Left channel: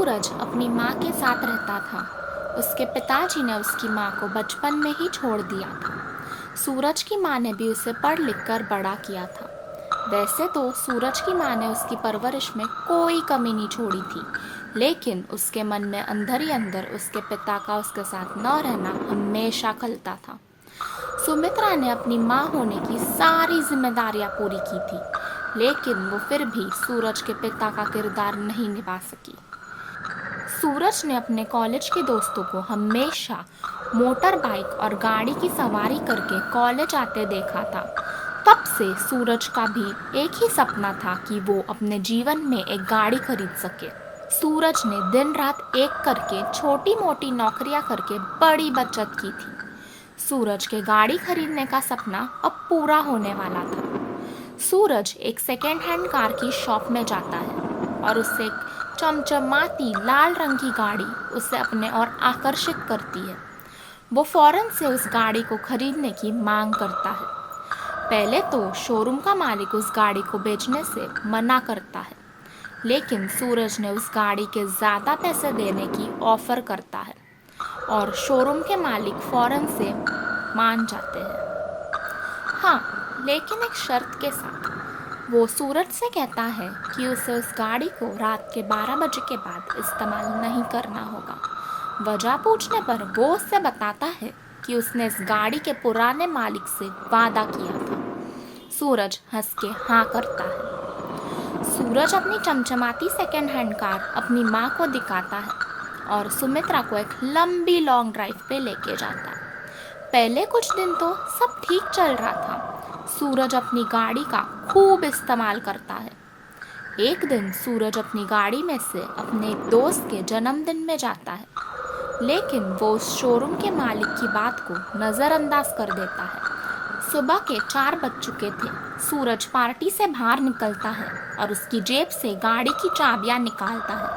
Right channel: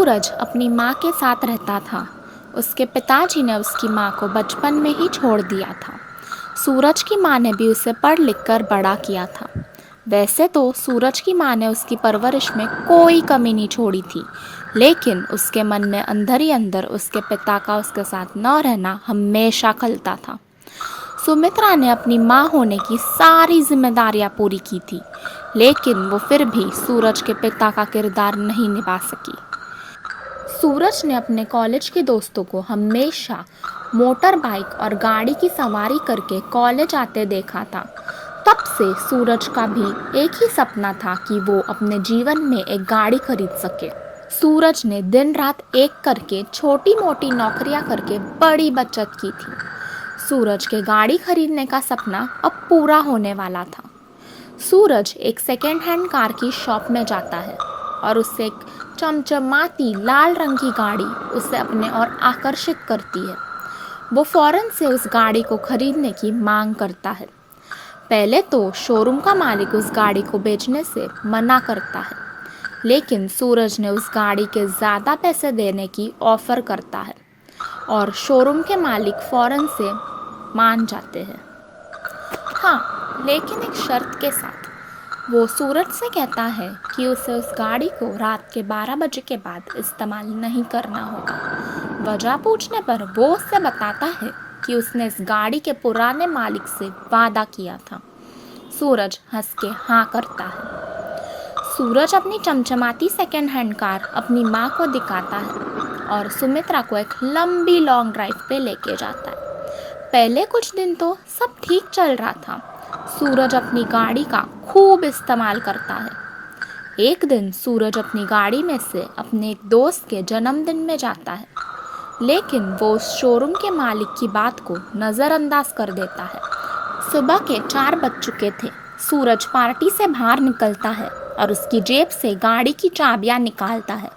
सूरज अपनी माँ के साथ रहता था। उसके पिताजी ने उसकी माँ को बचपन में ही छोड़ दिया था। सूरज की माँ ने भी उसे पढ़ लिख कर बड़ा किया था। वैसे तो सूरज की माँ ने उसकी परवरिश में कोई कमी नहीं छोड़ी थी, लेकिन उसके मन में अंदर ही अंदर उसके पिता का उसके साथ न रहना हमेशा खलता था। सुमित्रा ने अपनी माँ होने की सारी जिम्मेदारियां पूरी की थी, लेकिन वो फिर भी सूरज के पिता का किरदार नहीं निभा सकी। सूरज ने अपने कॉलेज के दोस्तों को हमेशा मोटर बाइक और गाड़ी की सवारी करके कॉलेज आते देखा था। तब से सूरज का भी एक ही सपना था कि वो अपने जीवन में एक गाड़ी खरीद सके। सूरज ने दिन रात एक करके छोटी मोटी नौकरियां करके बड़ी बचत की थी। सूरज के गाड़ी खरीदने का सपना अब पूरा होने वाला था। सूरज एक सेकेंड हैंड कार की शॉप में जाता है और उससे एक चमचमाती लाल रंग की गाड़ी उसे अपने ओर आकर्षित करती है। वो फौरन से उस गाड़ी को खरीदने की मांग करता है। पहले तो शोरूम का मालिक उस गाड़ी को बेचने से मना करता है, लेकिन सूरज ने उस गाड़ी के ज़्यादा पैसे देने की ऑफ़र करता है और शोरूम के मालिक फौरन से मान जाते हैं। हाँ, लेकिन एक शर्त के साथ। वो सूरज से कहता है कि उसे उस गाड़ी को रात के 12 बजे के बाद इस्तेमाल नहीं करना होगा। वजह पूछने पर वो उससे बताता है कि उसने इस गाड़ी के पुराने मालिक से वादा किया था। सूरज हंस के हाँ करता है। सूरज अपनी चमचमाती सेकेंड हैंड कार अपनी माँ को दिखाता है और सुमित्रा को एक लंबी लॉन्ग ड्राइव पे लेके जाता है। पहले कुछ दिन तो सब ठीक चल रहा था। सूरज अपनी गाड़ी का खूब इस्तेमाल करता है। एक दिन सूरज अपनी गाड़ी में से अपने एक दोस्त के जन्मदिन में जाता है, लेकिन वो उस शोरूम के मालिक की बात को नज़रअंदाज कर देता है। सुबह के 4 बज चुके थे। सूरज पार्टी से बाहर निकलता है और उसकी जेब से गाड़ी की चाबियां निकालता है,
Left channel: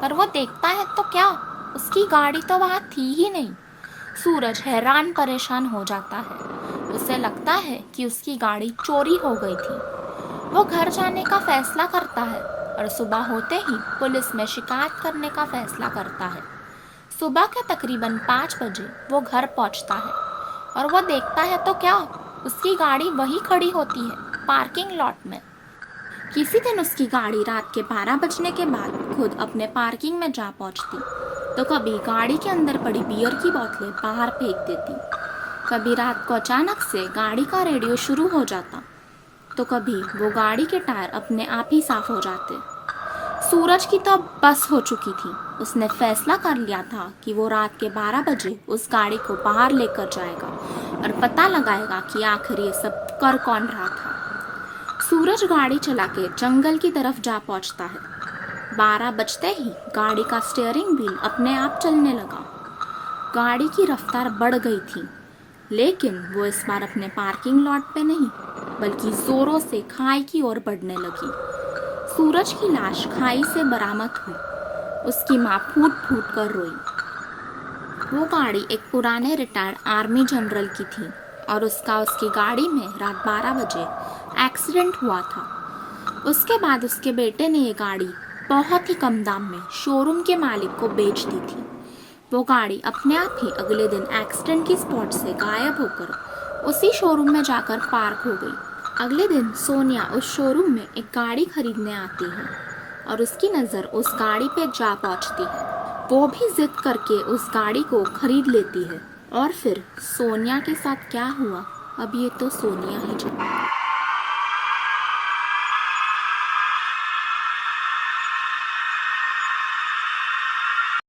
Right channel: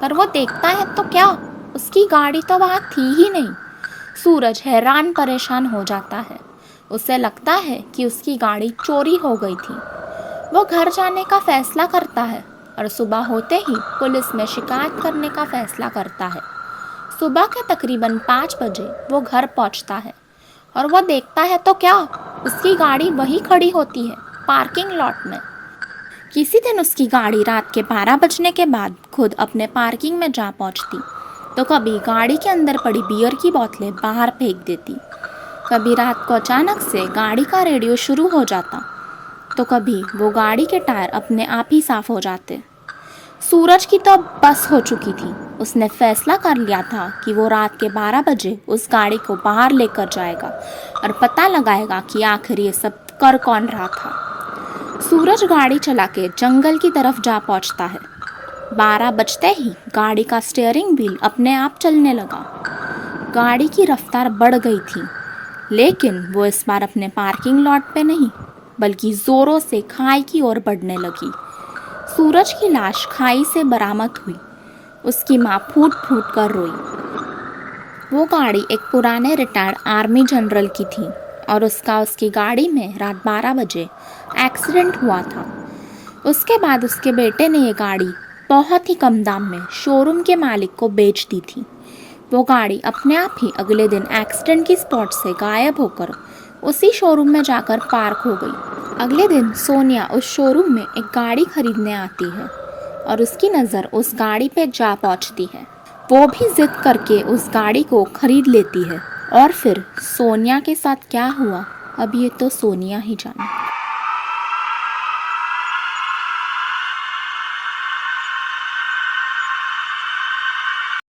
पर वो देखता है तो क्या, उसकी गाड़ी तो वहाँ थी ही नहीं। सूरज हैरान परेशान हो जाता है। उसे लगता है कि उसकी गाड़ी चोरी हो गई थी। वो घर जाने का फैसला करता है और सुबह होते ही पुलिस में शिकायत करने का फैसला करता है। सुबह के तकरीबन 5 बजे वो घर पहुंचता है और वो देखता है तो क्या, उसकी गाड़ी वहीं खड़ी होती है, पार्किंग लॉट में। किसी दिन उसकी गाड़ी रात के 12 बजने के बाद खुद अपने पार्किंग में जा पहुंचती, तो कभी गाड़ी के अंदर पड़ी बियर की बोतलें बाहर फेंक देती, कभी रात को अचानक से गाड़ी का रेडियो शुरू हो जाता, तो कभी वो गाड़ी के टायर अपने आप ही साफ हो जाते। सूरज की तो बस हो चुकी थी। उसने फैसला कर लिया था कि वो रात के 12 बजे उस गाड़ी को बाहर लेकर जाएगा और पता लगाएगा कि आखिर ये सब कर कौन रहा था। सूरज गाड़ी चला के जंगल की तरफ जा पहुंचता है। 12 बजते ही गाड़ी का स्टीयरिंग व्हील अपने आप चलने लगा। गाड़ी की रफ्तार बढ़ गई थी, लेकिन वो इस बार अपने पार्किंग लॉट पे नहीं, बल्कि ज़ोरों से खाई की ओर बढ़ने लगी। सूरज की लाश खाई से बरामद हुई। उसकी माँ फूट फूट कर रोई। वो गाड़ी एक पुराने रिटायर्ड आर्मी जनरल की थी और उसकी गाड़ी में रात 12 बजे एक्सीडेंट हुआ था। उसके बाद उसके बेटे ने ये गाड़ी बहुत ही कम दाम में शोरूम के मालिक को बेच दी थी। वो गाड़ी अपने आप ही अगले दिन एक्सीडेंट की स्पॉट से गायब होकर उसी शोरूम में जाकर पार्क हो गई। अगले दिन सोनिया उस शोरूम में एक गाड़ी खरीदने आती है और उसकी नज़र उस गाड़ी पे जा पहुंचती है। वो भी जिद करके उस गाड़ी को खरीद लेती है और फिर सोनिया के साथ क्या हुआ, अब ये तो सोनिया ही जाने।